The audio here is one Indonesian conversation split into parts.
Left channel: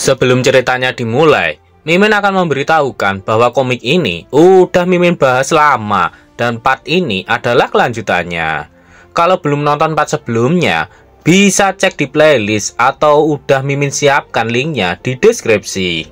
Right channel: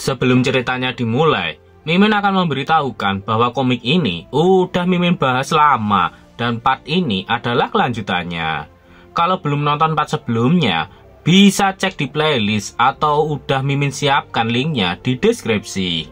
Sebelum ceritanya dimulai, Mimin akan memberitahukan bahwa komik ini udah Mimin bahas lama dan part ini adalah kelanjutannya. Kalau belum nonton part sebelumnya, bisa cek di playlist atau udah Mimin siapkan linknya di deskripsi.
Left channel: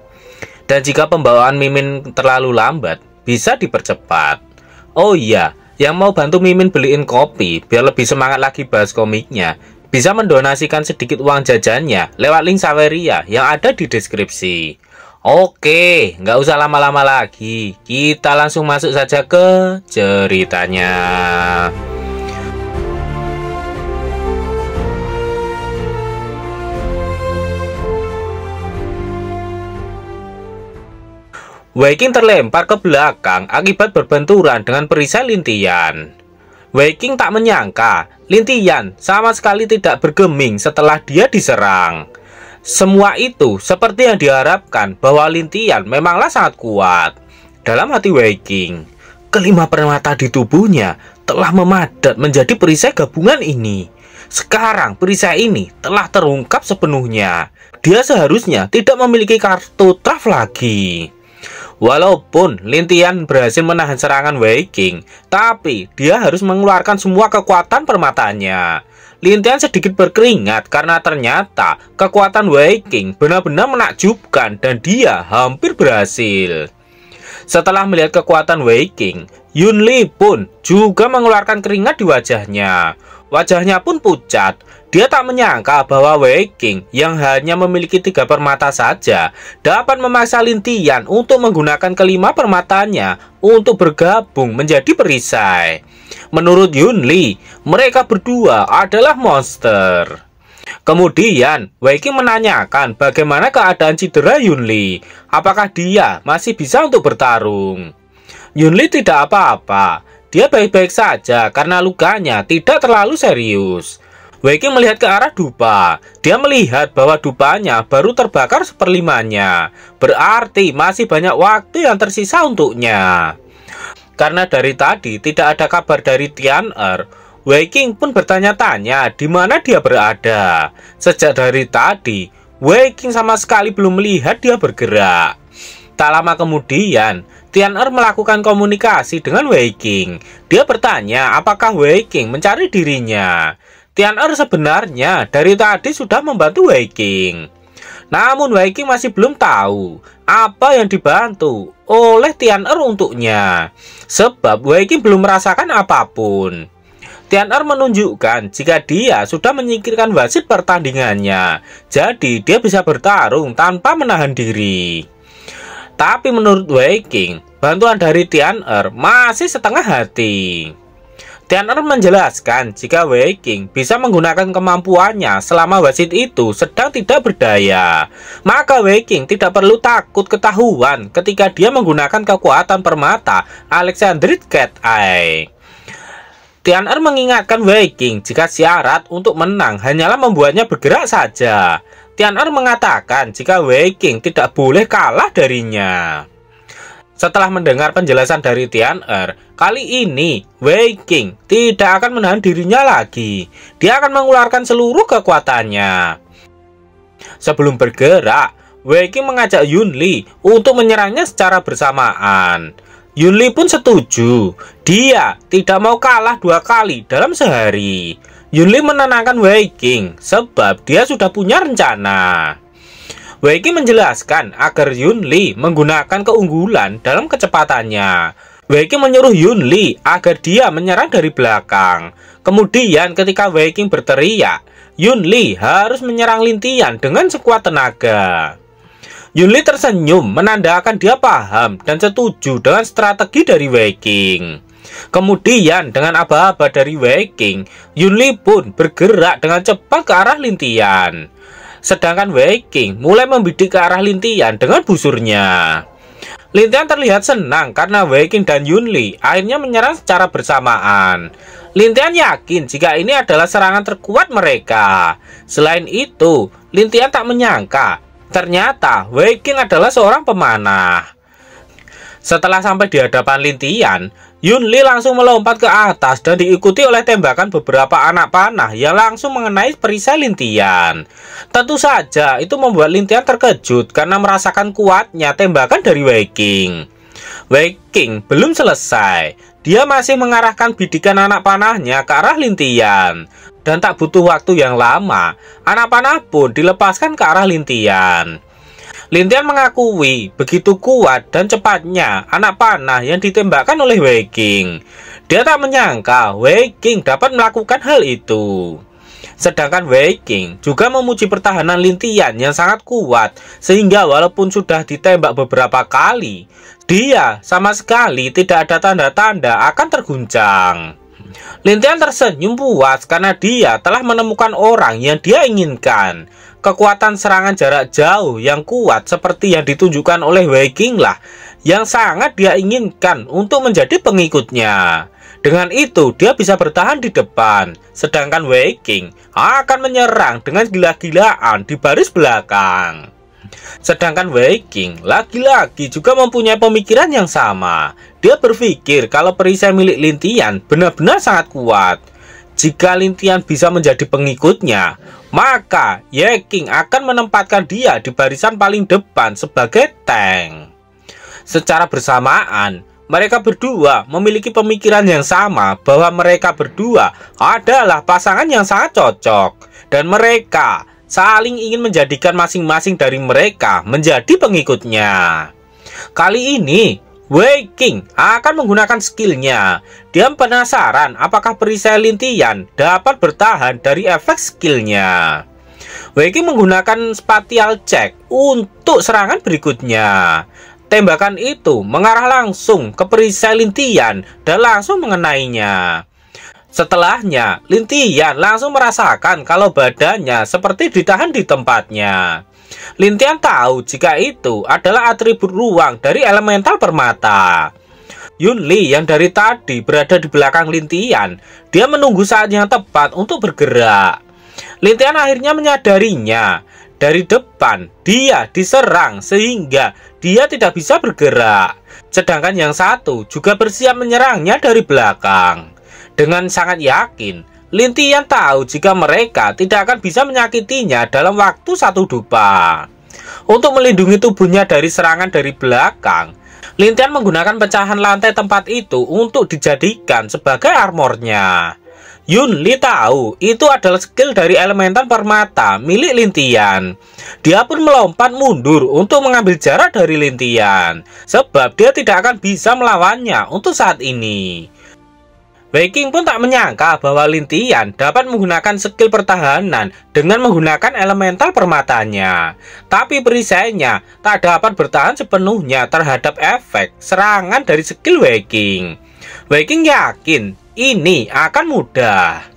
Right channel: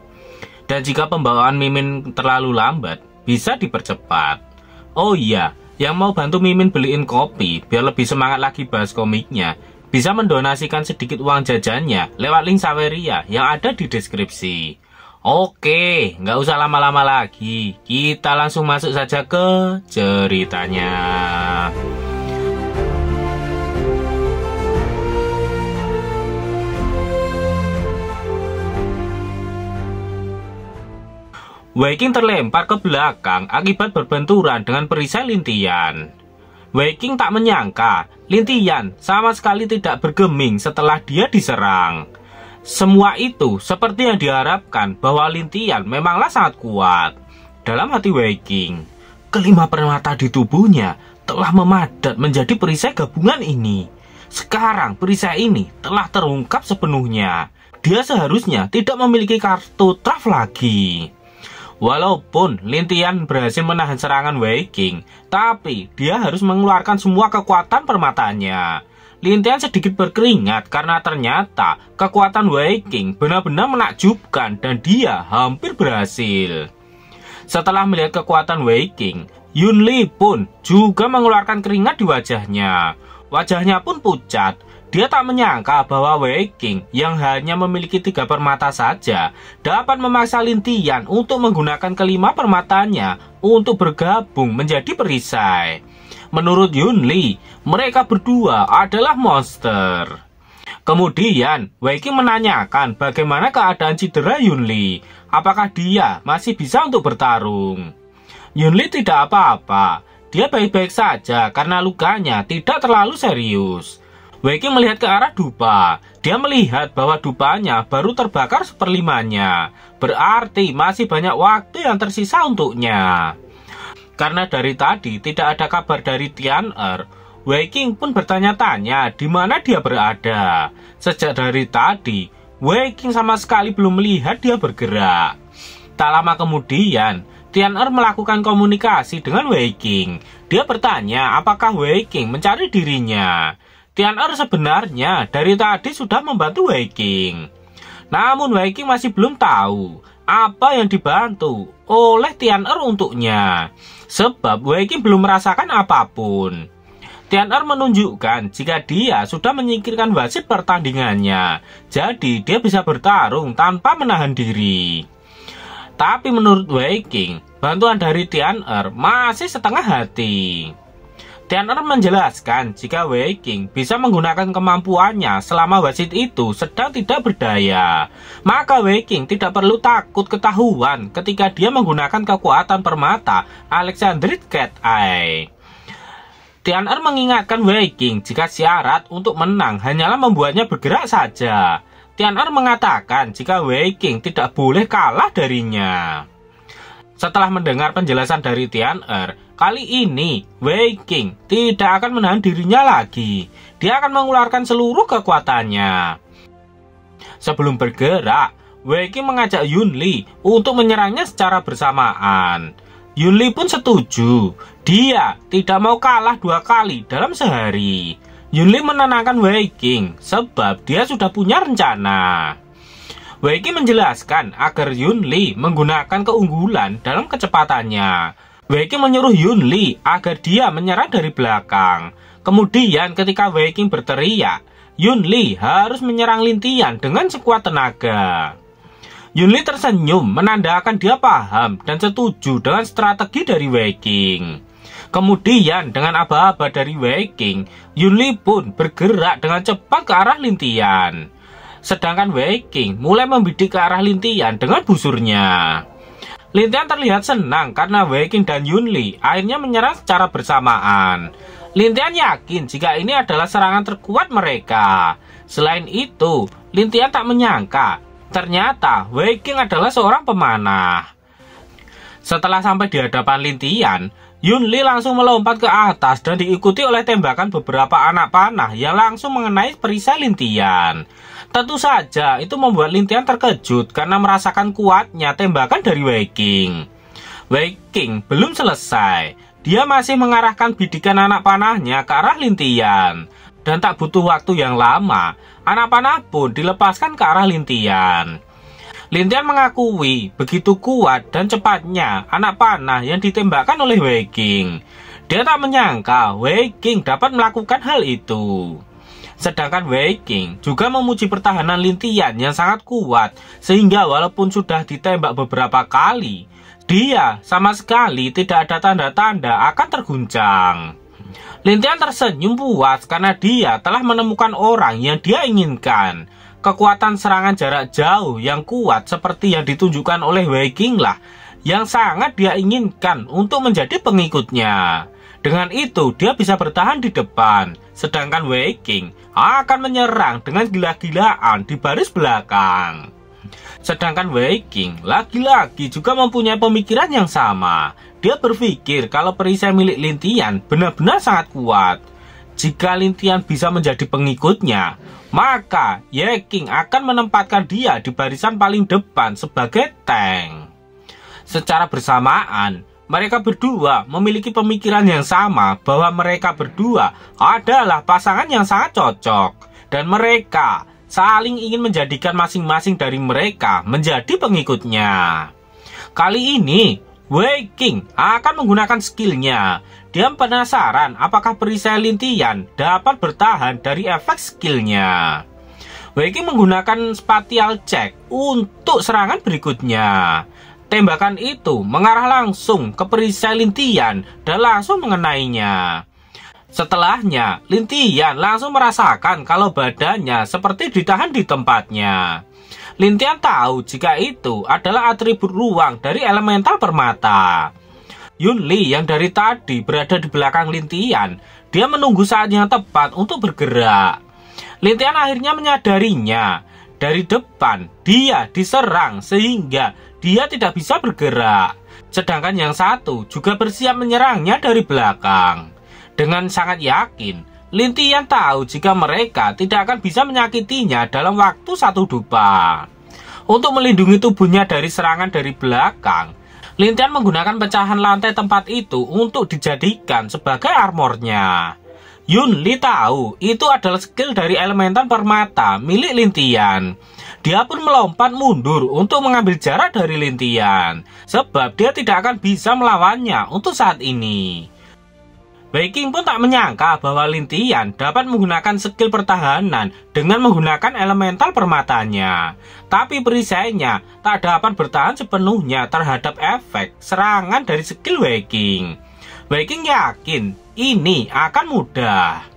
Dan jika pembawaan Mimin terlalu lambat, bisa dipercepat. Oh iya, yang mau bantu Mimin beliin kopi biar lebih semangat lagi bahas komiknya, bisa mendonasikan sedikit uang jajannya lewat link Saweria yang ada di deskripsi. Oke, nggak usah lama-lama lagi. Kita langsung masuk saja ke ceritanya. Wei Qing terlempar ke belakang akibat berbenturan dengan perisai Lintian. Wei Qing tak menyangka Lintian sama sekali tidak bergeming setelah dia diserang. Semua itu seperti yang diharapkan bahwa Lintian memanglah sangat kuat. Dalam hati Wei Qing, kelima permata di tubuhnya telah memadat menjadi perisai gabungan ini. Sekarang perisai ini telah terungkap sepenuhnya. Dia seharusnya tidak memiliki kartu traf lagi. Walaupun Lintian berhasil menahan serangan Wei Qing, tapi dia harus mengeluarkan semua kekuatan permatanya. Lintian sedikit berkeringat karena ternyata kekuatan Wei Qing benar-benar menakjubkan dan dia hampir berhasil. Setelah melihat kekuatan Wei Qing, Yun Li pun juga mengeluarkan keringat di wajahnya. Wajahnya pun pucat. Dia tak menyangka bahwa Wei Qing yang hanya memiliki 3 permata saja dapat memaksa Lintian untuk menggunakan kelima permatanya untuk bergabung menjadi perisai. Menurut Yun Li, mereka berdua adalah monster. Kemudian Wei Qing menanyakan bagaimana keadaan cedera Yun Li. Apakah dia masih bisa untuk bertarung? Yun Li tidak apa-apa. Dia baik-baik saja karena lukanya tidak terlalu serius. Wei Qing melihat ke arah dupa. Dia melihat bahwa dupanya baru terbakar seperlimanya. Berarti masih banyak waktu yang tersisa untuknya. Karena dari tadi tidak ada kabar dari Tian-Er, Wei Qing pun bertanya-tanya di mana dia berada. Sejak dari tadi, Wei Qing sama sekali belum melihat dia bergerak. Tak lama kemudian, Tian-Er melakukan komunikasi dengan Wei Qing. Dia bertanya apakah Wei Qing mencari dirinya. Tian-Er sebenarnya dari tadi sudah membantu Wei Qing. Namun Wei Qing masih belum tahu apa yang dibantu oleh Tian-Er untuknya. Sebab Wei Qing belum merasakan apapun. Tian-Er menunjukkan jika dia sudah menyingkirkan wasit pertandingannya. Jadi dia bisa bertarung tanpa menahan diri. Tapi menurut Wei Qing, bantuan dari Tian-Er masih setengah hati. Tian-Er menjelaskan jika Wei Qing bisa menggunakan kemampuannya selama wasit itu sedang tidak berdaya. Maka Wei Qing tidak perlu takut ketahuan ketika dia menggunakan kekuatan permata Alexandrite Cat Eye. Tian-Er mengingatkan Wei Qing jika syarat untuk menang hanyalah membuatnya bergerak saja. Tian-Er mengatakan jika Wei Qing tidak boleh kalah darinya. Setelah mendengar penjelasan dari Tian-Er, kali ini Wei Qing tidak akan menahan dirinya lagi. Dia akan mengeluarkan seluruh kekuatannya. Sebelum bergerak, Wei Qing mengajak Yun Li untuk menyerangnya secara bersamaan. Yun Li pun setuju. Dia tidak mau kalah 2 kali dalam sehari. Yun Li menenangkan Wei Qing sebab dia sudah punya rencana. Wei Qing menjelaskan agar Yun Li menggunakan keunggulan dalam kecepatannya. Wei Qing menyuruh Yun Li agar dia menyerang dari belakang. Kemudian ketika Wei Qing berteriak, Yun Li harus menyerang Lintian dengan sekuat tenaga. Yun Li tersenyum menandakan dia paham dan setuju dengan strategi dari Wei Qing. Kemudian dengan aba-aba dari Wei Qing, Yun Li pun bergerak dengan cepat ke arah Lintian. Sedangkan Wei Qing mulai membidik ke arah Lintian dengan busurnya. Lintian terlihat senang karena Wei Qing dan Yun Li akhirnya menyerang secara bersamaan. Lintian yakin jika ini adalah serangan terkuat mereka. Selain itu, Lintian tak menyangka ternyata Wei Qing adalah seorang pemanah. Setelah sampai di hadapan Lintian, Yunli langsung melompat ke atas dan diikuti oleh tembakan beberapa anak panah yang langsung mengenai perisai Lintian. Tentu saja itu membuat Lintian terkejut karena merasakan kuatnya tembakan dari Wei Qing. Wei Qing belum selesai. Dia masih mengarahkan bidikan anak panahnya ke arah Lintian. Dan tak butuh waktu yang lama, anak panah pun dilepaskan ke arah Lintian. Lintian mengakui begitu kuat dan cepatnya anak panah yang ditembakkan oleh Wei Qing. Dia tak menyangka Wei Qing dapat melakukan hal itu. Sedangkan Wei Qing juga memuji pertahanan Lintian yang sangat kuat, sehingga walaupun sudah ditembak beberapa kali, dia sama sekali tidak ada tanda-tanda akan terguncang. Lintian tersenyum puas karena dia telah menemukan orang yang dia inginkan. Kekuatan serangan jarak jauh yang kuat seperti yang ditunjukkan oleh Wei Qing lah yang sangat dia inginkan untuk menjadi pengikutnya. Dengan itu dia bisa bertahan di depan, sedangkan Wei Qing akan menyerang dengan gila-gilaan di baris belakang. Sedangkan Wei Qing lagi-lagi juga mempunyai pemikiran yang sama. Dia berpikir kalau perisai milik Lintian benar-benar sangat kuat. Jika Lintian bisa menjadi pengikutnya, maka Wei Qing akan menempatkan dia di barisan paling depan sebagai tank. Secara bersamaan, mereka berdua memiliki pemikiran yang sama bahwa mereka berdua adalah pasangan yang sangat cocok. Dan mereka saling ingin menjadikan masing-masing dari mereka menjadi pengikutnya. Kali ini, Wei Qing akan menggunakan skillnya. Dia penasaran apakah perisai Lintian dapat bertahan dari efek skillnya. Wei Qing menggunakan spatial check untuk serangan berikutnya. Tembakan itu mengarah langsung ke perisai Lintian dan langsung mengenainya. Setelahnya, Lintian langsung merasakan kalau badannya seperti ditahan di tempatnya. Lintian tahu jika itu adalah atribut ruang dari elemental permata. Yunli yang dari tadi berada di belakang Lintian, dia menunggu saat yang tepat untuk bergerak. Lintian akhirnya menyadarinya. Dari depan, dia diserang sehingga dia tidak bisa bergerak. Sedangkan yang satu juga bersiap menyerangnya dari belakang. Dengan sangat yakin, Lintian tahu jika mereka tidak akan bisa menyakitinya dalam waktu satu dupa. Untuk melindungi tubuhnya dari serangan dari belakang, Lintian menggunakan pecahan lantai tempat itu untuk dijadikan sebagai armornya. Yunli tahu itu adalah skill dari elemental permata milik Lintian. Dia pun melompat mundur untuk mengambil jarak dari Lintian, sebab dia tidak akan bisa melawannya untuk saat ini. Wei Qing pun tak menyangka bahwa Lintian dapat menggunakan skill pertahanan dengan menggunakan elemental permatanya. Tapi perisainya tak dapat bertahan sepenuhnya terhadap efek serangan dari skill Wei Qing. Wei Qing yakin ini akan mudah.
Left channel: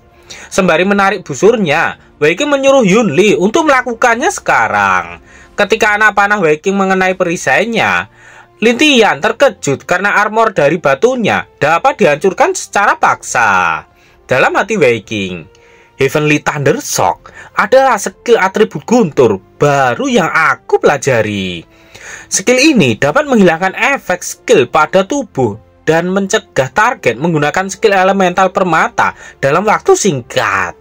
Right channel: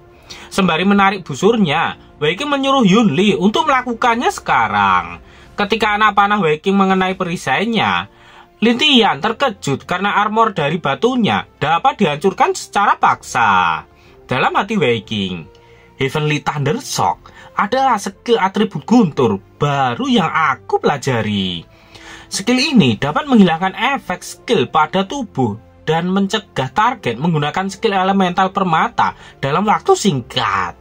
Sembari menarik busurnya, Wei Qing menyuruh Yunli untuk melakukannya sekarang. Ketika anak panah Wei Qing mengenai perisainya, Lintian terkejut karena armor dari batunya dapat dihancurkan secara paksa. Dalam hati Wei Qing, Heavenly Thunder Shock adalah skill atribut guntur baru yang aku pelajari. Skill ini dapat menghilangkan efek skill pada tubuh dan mencegah target menggunakan skill elemental permata dalam waktu singkat.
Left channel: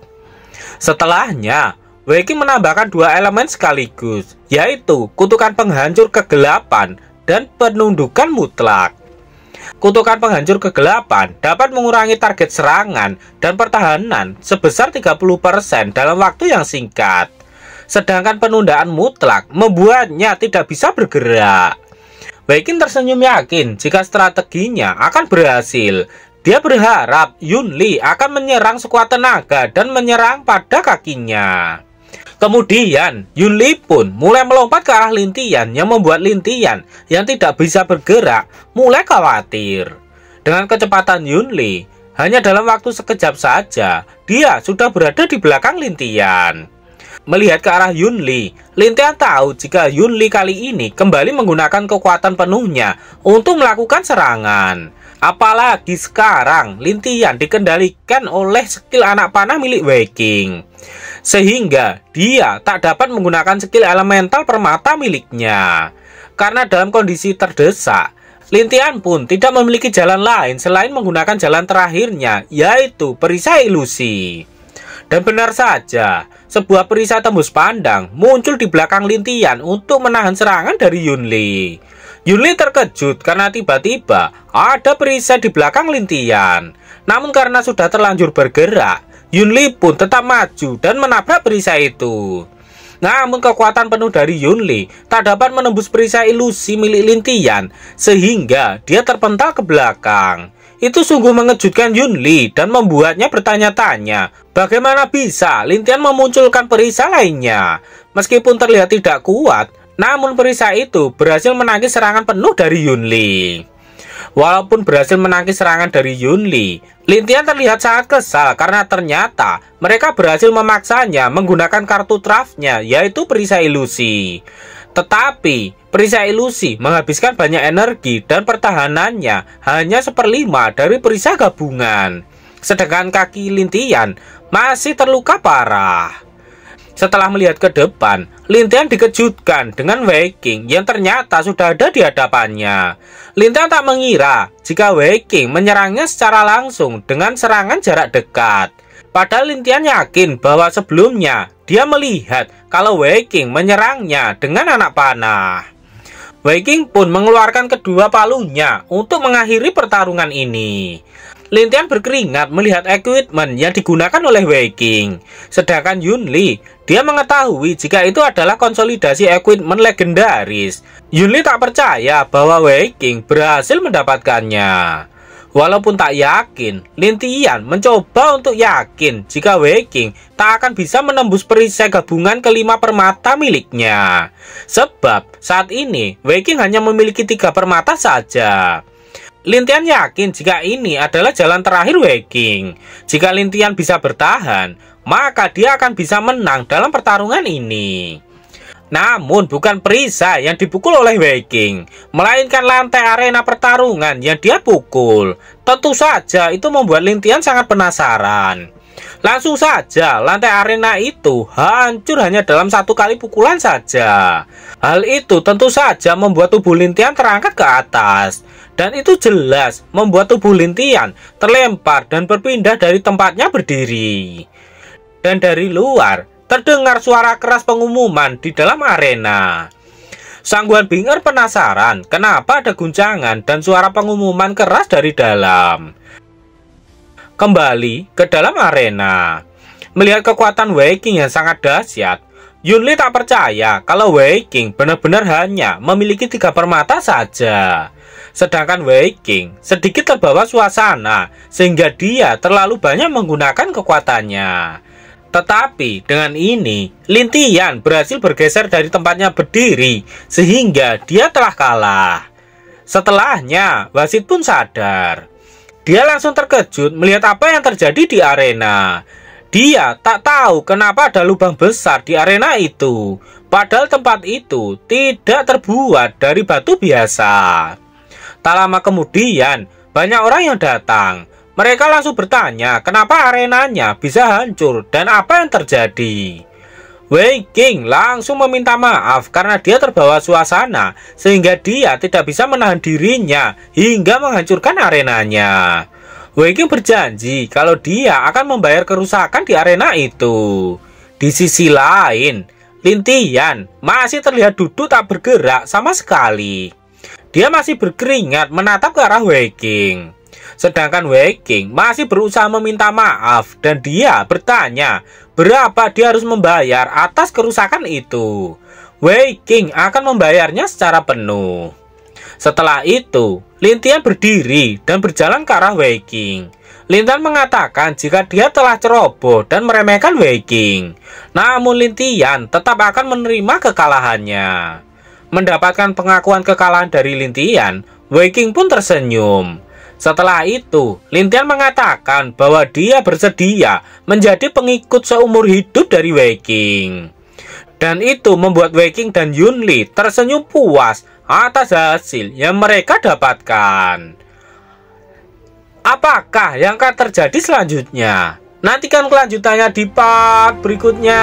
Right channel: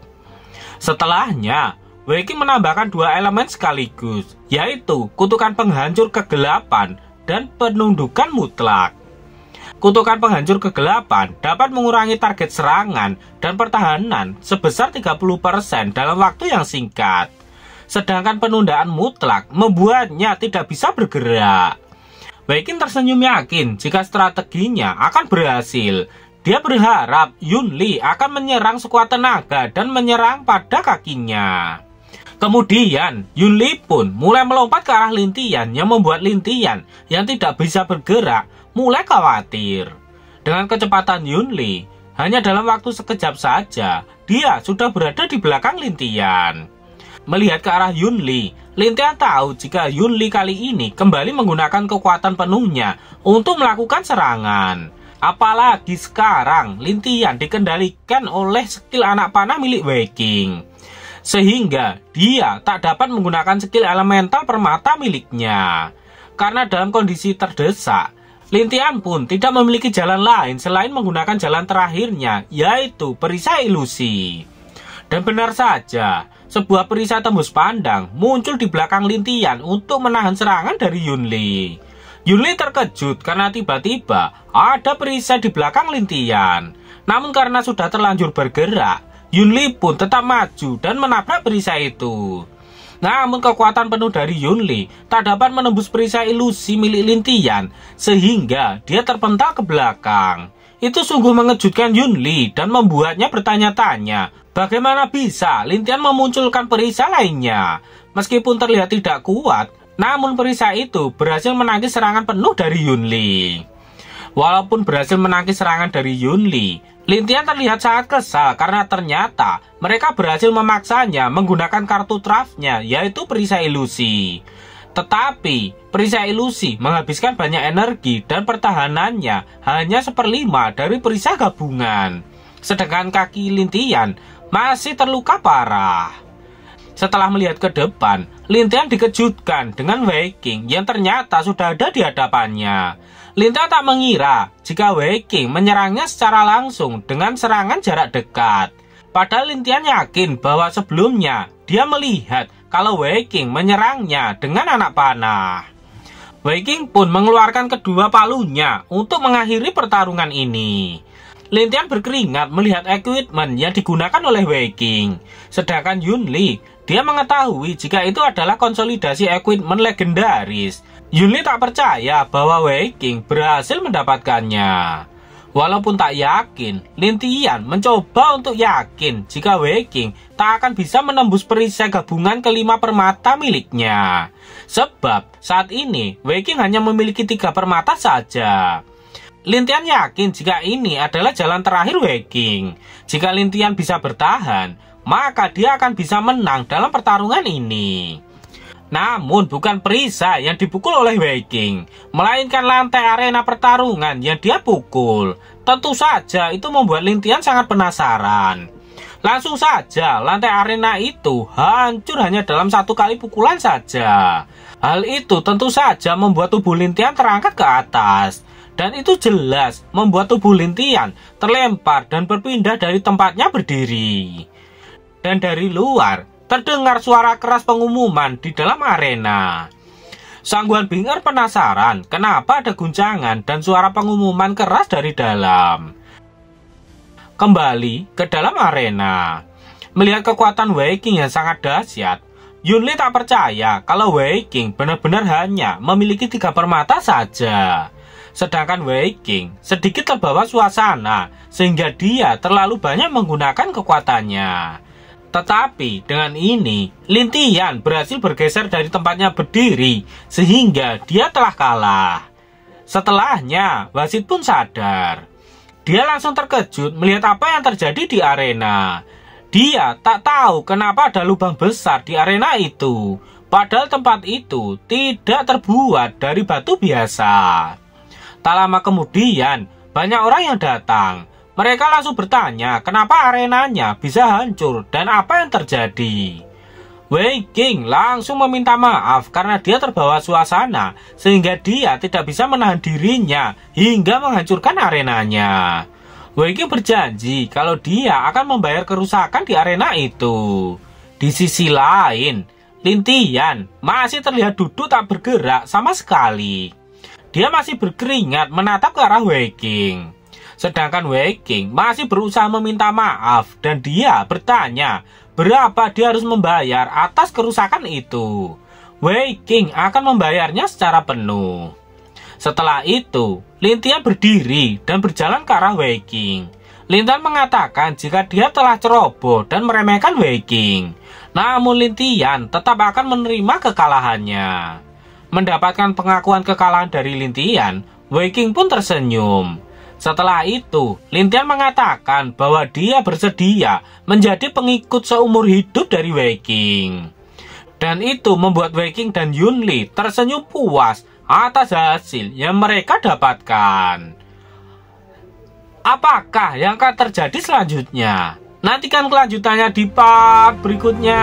Setelahnya, Wei Qing menambahkan dua elemen sekaligus, yaitu kutukan penghancur kegelapan dan penundukan mutlak. Kutukan penghancur kegelapan dapat mengurangi target serangan dan pertahanan sebesar 30% dalam waktu yang singkat. Sedangkan penundaan mutlak membuatnya tidak bisa bergerak. Wei Qing tersenyum yakin jika strateginya akan berhasil. Dia berharap Yunli akan menyerang sekuat tenaga dan menyerang pada kakinya. Kemudian, Yunli pun mulai melompat ke arah Lintian yang membuat Lintian yang tidak bisa bergerak mulai khawatir. Dengan kecepatan Yunli, hanya dalam waktu sekejap saja, dia sudah berada di belakang Lintian. Melihat ke arah Yunli, Lintian tahu jika Yunli kali ini kembali menggunakan kekuatan penuhnya untuk melakukan serangan. Apalagi sekarang, Lintian dikendalikan oleh skill anak panah milik Wei Qing. Sehingga dia tak dapat menggunakan skill elemental permata miliknya. Karena dalam kondisi terdesak, Lintian pun tidak memiliki jalan lain selain menggunakan jalan terakhirnya, yaitu perisai ilusi. Dan benar saja, sebuah perisai tembus pandang muncul di belakang Lintian untuk menahan serangan dari Yunli. Yunli terkejut karena tiba-tiba ada perisai di belakang Lintian. Namun karena sudah terlanjur bergerak, Yunli pun tetap maju dan menabrak perisai itu. Namun kekuatan penuh dari Yunli tak dapat menembus perisai ilusi milik Lintian, sehingga dia terpental ke belakang. Itu sungguh mengejutkan Yunli dan membuatnya bertanya-tanya, bagaimana bisa Lintian memunculkan perisai lainnya. Meskipun terlihat tidak kuat, namun perisai itu berhasil menangkis serangan penuh dari Yunli. Walaupun berhasil menangkis serangan dari Yunli, Lintian terlihat sangat kesal karena ternyata mereka berhasil memaksanya menggunakan kartu trafnya, yaitu perisai ilusi. Tetapi perisai ilusi menghabiskan banyak energi dan pertahanannya hanya 1/5 dari perisai gabungan. Sedangkan kaki Lintian masih terluka parah. Setelah melihat ke depan, Lintian dikejutkan dengan Wei Qing yang ternyata sudah ada di hadapannya. Lintian tak mengira jika Wei Qing menyerangnya secara langsung dengan serangan jarak dekat. Padahal Lintian yakin bahwa sebelumnya dia melihat kalau Wei Qing menyerangnya dengan anak panah. Wei Qing pun mengeluarkan kedua palunya untuk mengakhiri pertarungan ini. Lintian berkeringat melihat equipment yang digunakan oleh Wei Qing. Sedangkan Yunli, dia mengetahui jika itu adalah konsolidasi equipment legendaris. Yunli tak percaya bahwa Wei Qing berhasil mendapatkannya. Walaupun tak yakin, Lintian mencoba untuk yakin jika Wei Qing tak akan bisa menembus perisai gabungan kelima permata miliknya. Sebab saat ini Wei Qing hanya memiliki 3 permata saja. Lintian yakin jika ini adalah jalan terakhir Wei Qing. Jika Lintian bisa bertahan, maka dia akan bisa menang dalam pertarungan ini. Namun bukan perisai yang dipukul oleh Wei Qing, melainkan lantai arena pertarungan yang dia pukul. Tentu saja itu membuat Lintian sangat penasaran. Langsung saja lantai arena itu hancur hanya dalam 1 kali pukulan saja. Hal itu tentu saja membuat tubuh Lintian terangkat ke atas. Dan itu jelas membuat tubuh Lintian terlempar dan berpindah dari tempatnya berdiri. Dan dari luar terdengar suara keras pengumuman di dalam arena. Sang Guan Bing'er penasaran kenapa ada guncangan dan suara pengumuman keras dari dalam. Kembali ke dalam arena. Melihat kekuatan Wei Qing yang sangat dahsyat, Yunli tak percaya kalau Wei Qing benar-benar hanya memiliki 3 permata saja. Sedangkan Wei Qing sedikit terbawa suasana sehingga dia terlalu banyak menggunakan kekuatannya. Tetapi dengan ini, Lintian berhasil bergeser dari tempatnya berdiri sehingga dia telah kalah. Setelahnya, wasit pun sadar. Dia langsung terkejut melihat apa yang terjadi di arena. Dia tak tahu kenapa ada lubang besar di arena itu, padahal tempat itu tidak terbuat dari batu biasa. Tak lama kemudian, banyak orang yang datang. Mereka langsung bertanya kenapa arenanya bisa hancur dan apa yang terjadi. Wei Qing langsung meminta maaf karena dia terbawa suasana sehingga dia tidak bisa menahan dirinya hingga menghancurkan arenanya. Wei Qing berjanji kalau dia akan membayar kerusakan di arena itu. Di sisi lain, Lintian masih terlihat duduk tak bergerak sama sekali. Dia masih berkeringat menatap ke arah Wei Qing. Sedangkan Wei Qing masih berusaha meminta maaf dan dia bertanya berapa dia harus membayar atas kerusakan itu. Wei Qing akan membayarnya secara penuh. Setelah itu, Lintian berdiri dan berjalan ke arah Wei Qing. Lintian mengatakan jika dia telah ceroboh dan meremehkan Wei Qing. Namun Lintian tetap akan menerima kekalahannya. Mendapatkan pengakuan kekalahan dari Lintian, Wei Qing pun tersenyum. Setelah itu, Lintian mengatakan bahwa dia bersedia menjadi pengikut seumur hidup dari Wei Qing. Dan itu membuat Wei Qing dan Yunli tersenyum puas atas hasil yang mereka dapatkan. Apakah yang akan terjadi selanjutnya? Nantikan kelanjutannya di part berikutnya.